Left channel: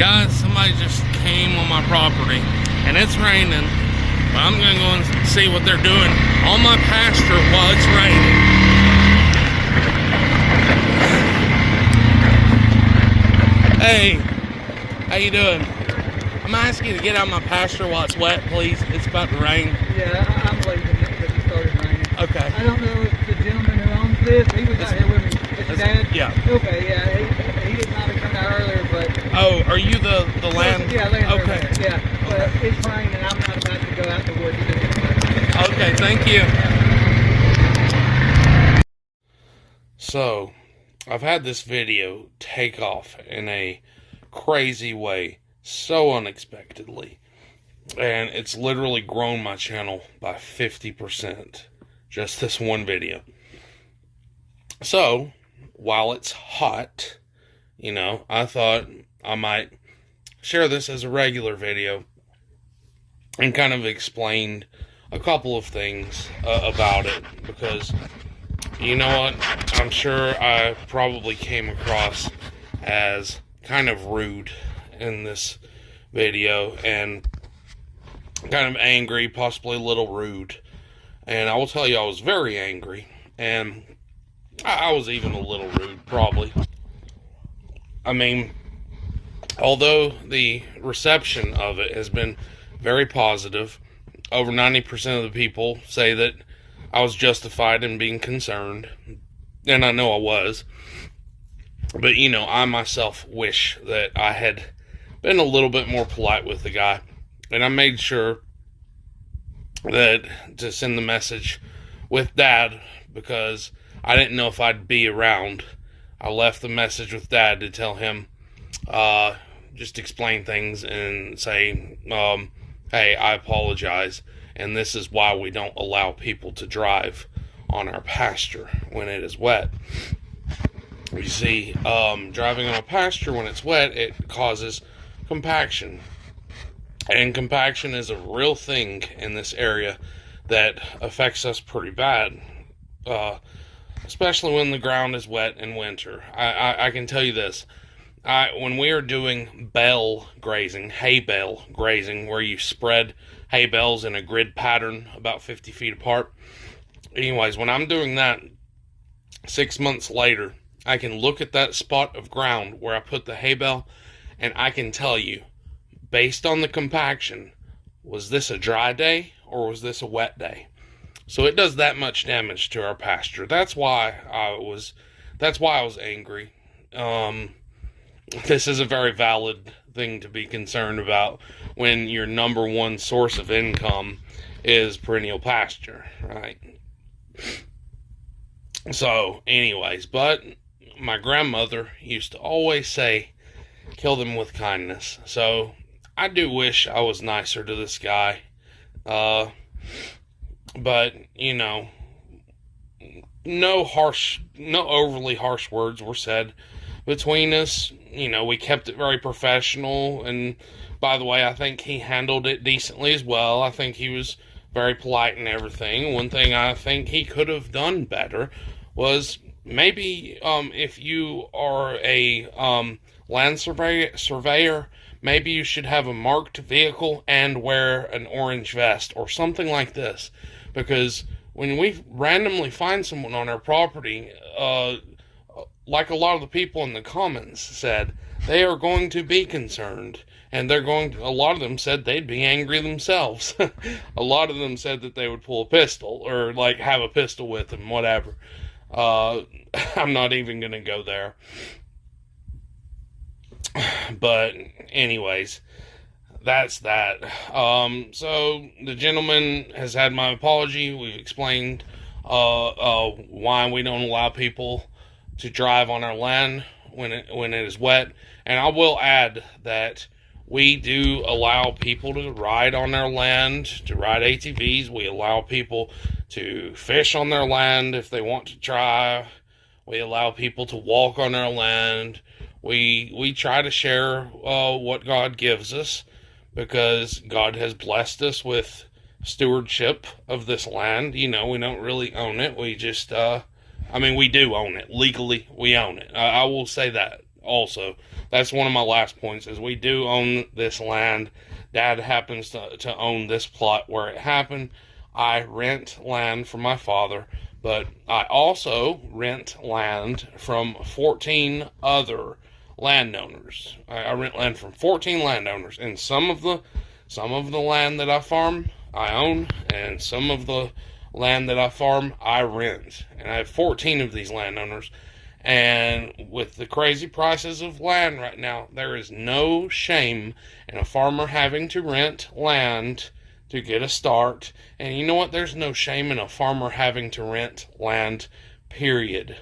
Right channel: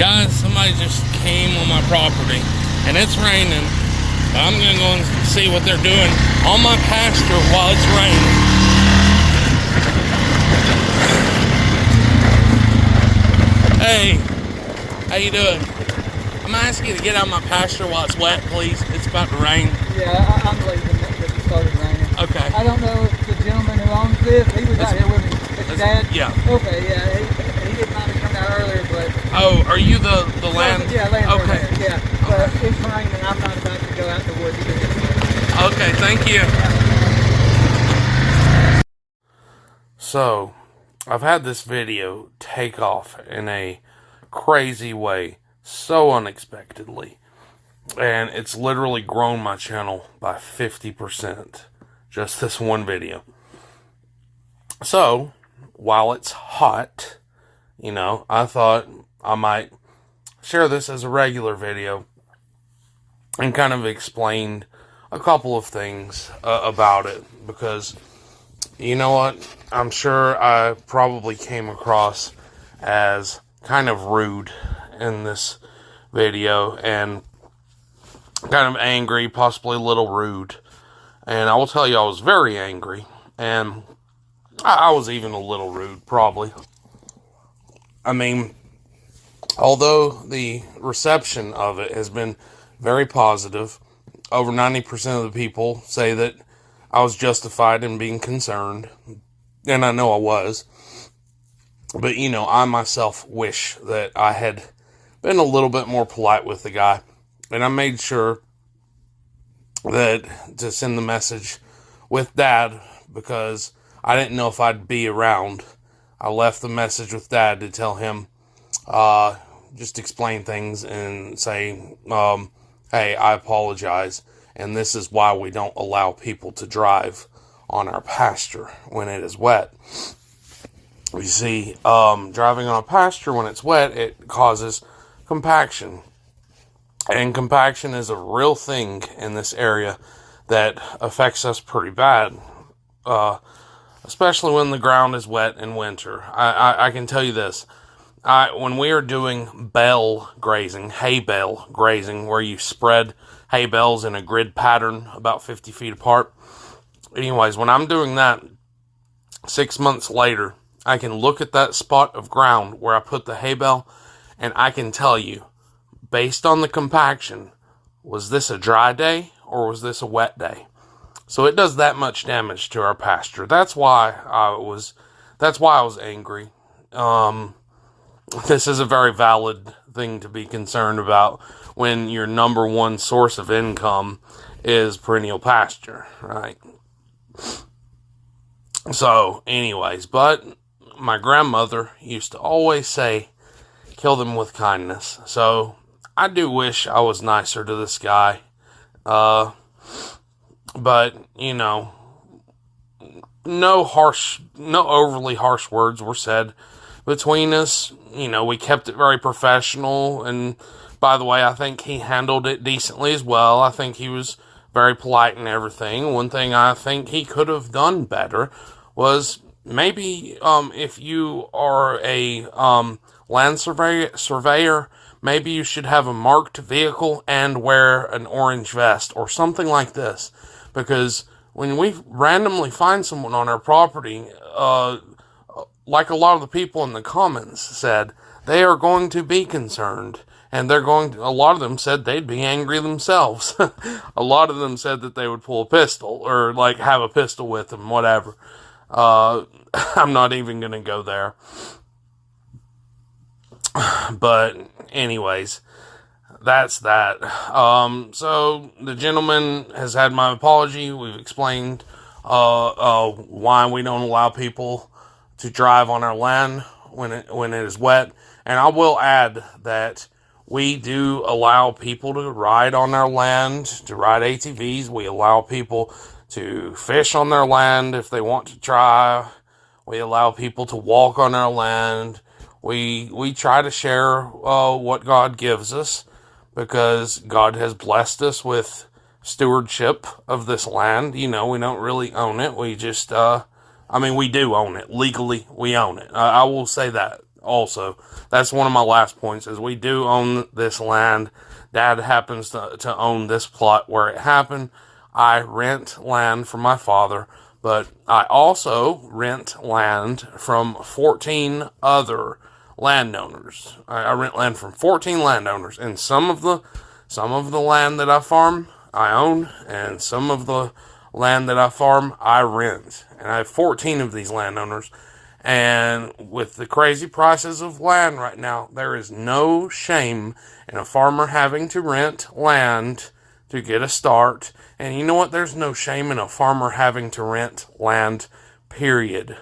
Guys, somebody just came on my property, and it's raining, but I'm going to go and see what they're doing on my pasture while it's raining. Hey, how you doing? I'm asking you to get out of my pasture while it's wet, please. It's about to rain. Yeah, I'm leaving because it started raining. Okay. I don't know if the gentleman who owns this, he was out here with me. His dad? Yeah. Okay, yeah, he didn't mind coming out earlier, but... Oh, are you the land? Yeah, land. Okay. Yeah, but it's raining and I'm not about to go out the woods to do it. Okay, thank you. Yeah. So, I've had this video take off in a crazy way, so unexpectedly, and it's literally grown my channel by 50%, just this one video. So, while it's hot, you know, I thought I might share this as a regular video and kind of explain a couple of things about it, because you know what, I'm sure I probably came across as kind of rude in this video and kind of angry, possibly a little rude, and I will tell you I was very angry, and I was even a little rude, probably. I mean, although the reception of it has been very positive, over 90% of the people say that I was justified in being concerned, and I know I was. But, you know, I myself wish that I had been a little bit more polite with the guy, and I made sure that to send the message with Dad, because I didn't know if I'd be around. I left the message with Dad to tell him, just explain things and say, hey, I apologize, and this is why we don't allow people to drive on our pasture when it is wet. You see, driving on a pasture when it's wet, it causes compaction. And compaction is a real thing in this area that affects us pretty bad, especially when the ground is wet in winter. I can tell you this. When we are doing bale grazing, hay bale grazing, where you spread hay bales in a grid pattern about 50 feet apart. Anyways, when I'm doing that, 6 months later, I can look at that spot of ground where I put the hay bale, and I can tell you, based on the compaction, was this a dry day or was this a wet day? So it does that much damage to our pasture. That's why I was angry. This is a very valid thing to be concerned about when your number one source of income is perennial pasture, right? So, anyways, but my grandmother used to always say, kill them with kindness. So, I do wish I was nicer to this guy. But, you know, no overly harsh words were said between us. You know, we kept it very professional, and by the way, I think he handled it decently as well. I think he was very polite and everything. One thing I think he could have done better was maybe if you are a land surveyor, maybe you should have a marked vehicle and wear an orange vest or something like this, because when we randomly find someone on our property, like a lot of the people in the comments said, they are going to be concerned, and a lot of them said they'd be angry themselves. A lot of them said that they would pull a pistol, or like have a pistol with them, whatever. I'm not even going to go there. But anyways, that's that. So the gentleman has had my apology. We've explained why we don't allow people to drive on our land when it is wet. And I will add that we do allow people to ride on our land, to ride ATVs. We allow people to fish on their land if they want to try. We allow people to walk on our land. We try to share what God gives us, because God has blessed us with stewardship of this land. You know, we don't really own it. We just, we do own it. Legally, we own it. I will say that. also. That's one of my last points, is we do own this land. Dad happens to own this plot where it happened. I rent land from my father, but I also rent land from 14 other landowners. I rent land from 14 landowners, and some of the land that I farm I own, and some of the land that I farm I rent. And I have 14 of these landowners. And with the crazy prices of land right now, there is no shame in a farmer having to rent land to get a start. And you know what? There's no shame in a farmer having to rent land, period.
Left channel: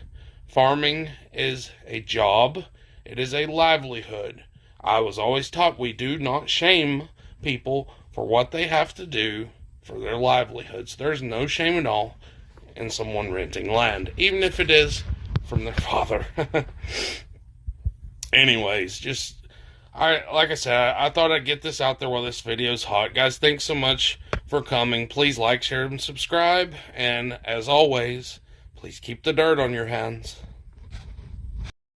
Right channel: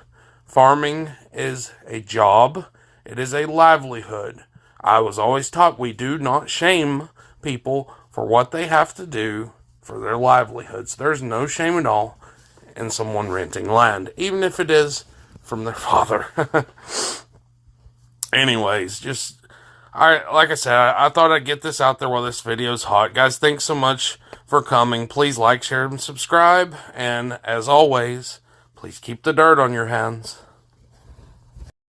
Farming is a job. It is a livelihood. I was always taught we do not shame people for what they have to do for their livelihoods. There's no shame at all in someone renting land, even if it is from their father. Anyways, like I said, I thought I'd get this out there while this video's hot. Guys, thanks so much for coming. Please like, share, and subscribe. And as always, please keep the dirt on your hands.